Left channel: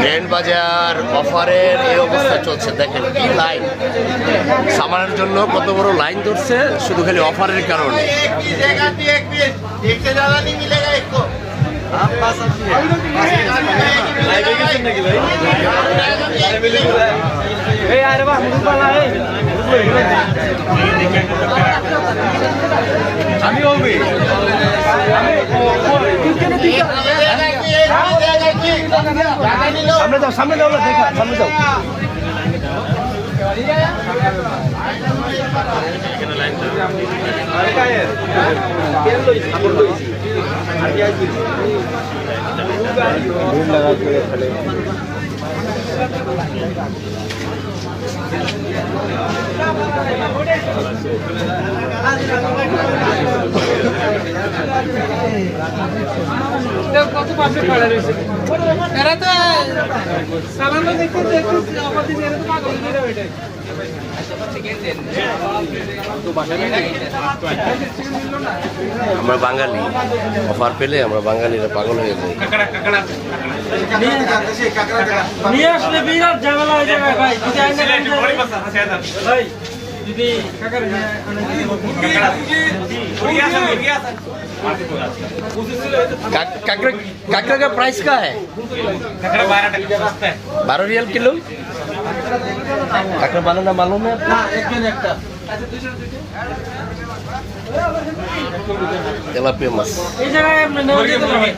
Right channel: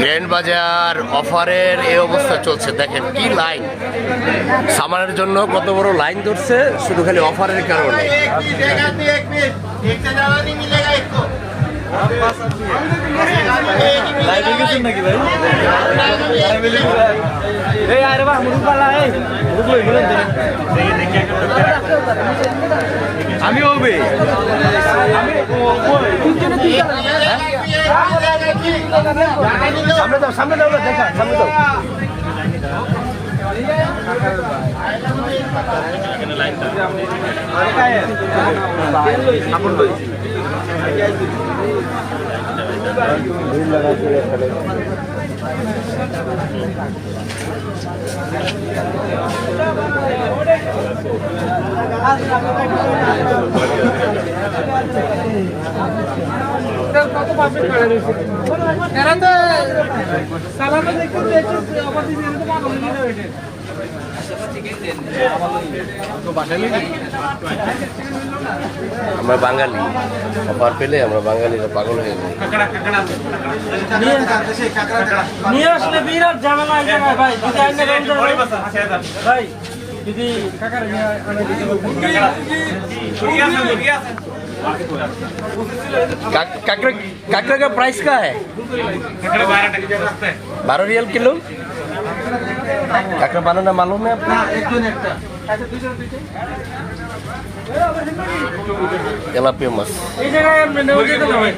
Train বাজার অফারের এই অবস্থা চলছে, দেখেন কি লাইন। সামানের জন্য কত বড় লাইন ধরছে শুধু খালি অফারের কারণে। আমি বলবি সামনে যাও, সামনে যাও, দেখা সামনে যাও। কত পাশে খেলা রয়েছে এরা তো সালামে দেখতে আমরা বাঙালি, অফার পেলে আমরা বাঙালিরা পাগল হয়ে যাই। নিয়ে আসলে বিরাট ঝামেলা হয়ে যাবে ভাই। ভাই যদি কাকার काकड़ा का प्राइस क्या है? 12 रियल किलो। काकड़ा बनाना मालूम है आपको? तेलापिया माछ। এই জায়গায় নেওয়া যেত না ভাই।